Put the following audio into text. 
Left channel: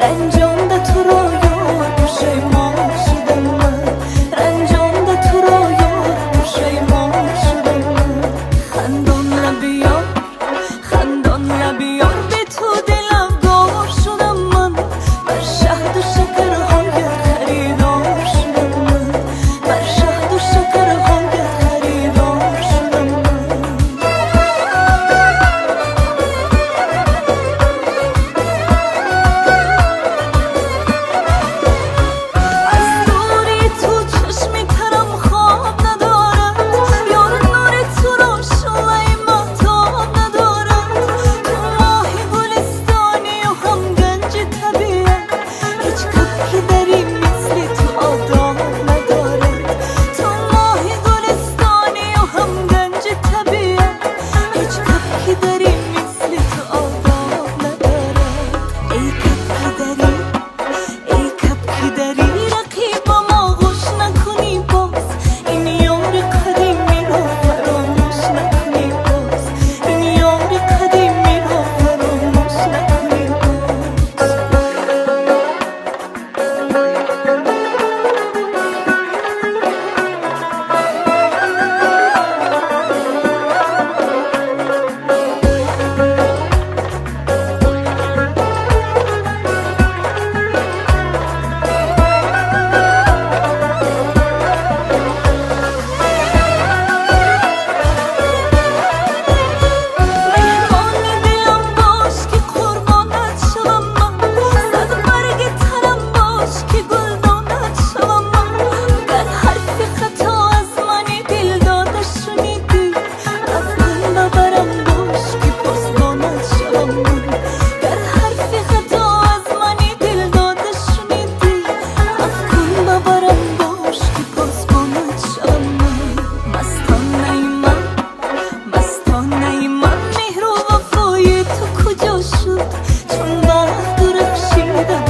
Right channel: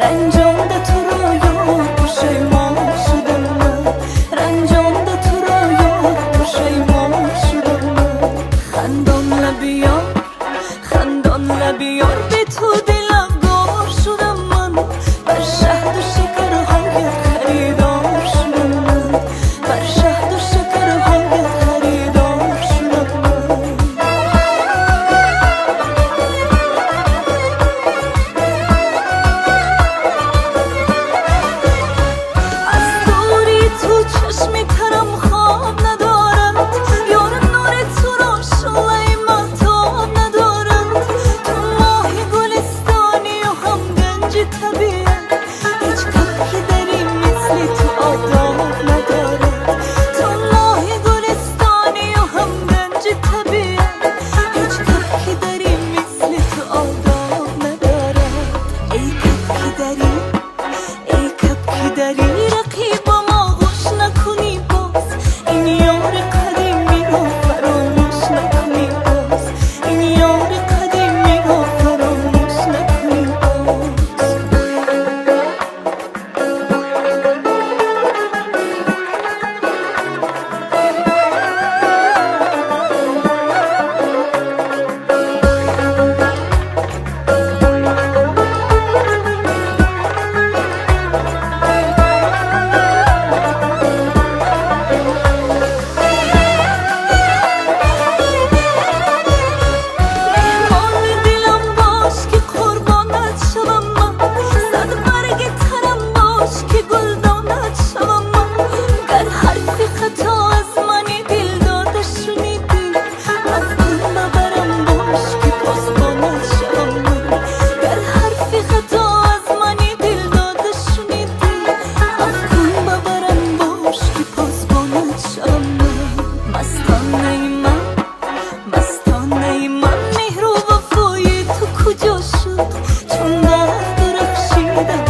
رنجانده تو را یار پشیمان شدم من، رنجانده تو را یار پشیمان شدم من. خندان لب یار، خندان لب یار، به تو دلافگار شدم من. بر شهد و شکرهایت خریدار شدم من، بر شهد و شکرهایت خریدار شدم من. از دوری تو چشمی ترم خواب ندارد، یار نور تو را شعله مهتاب ندارد. تو ماهی گلستانی و هم گنج طبیعت، هیچ کبکی دری مثل تو آداب ندارد. تو ماهی گلستانی و هم گنج طبیعت، هیچ کبکی دری مثل تو آداب ندارد. ای کبکی دری، ای کبکی دری، رقیب ما گوش نکنی باز. این یار قدیمی را فراموش نکنی باز، این یار قدیمی را فراموش نکنی باز. مهمان دلم باش که قربانت شوم من، صد برگ ترم باش که گلدانت شوم من. گر حرف خطا از منی دل داده شنیدی، عفو کن ببرم باش که پاسبانت شوم من. گر حرف خطا از منی دل داده شنیدی، عفو کن ببرم باش که پاسبانت شوم من. مستانه من، مستانه من، مهر و وفای تو کجا شد؟ چون وقت درخشیدم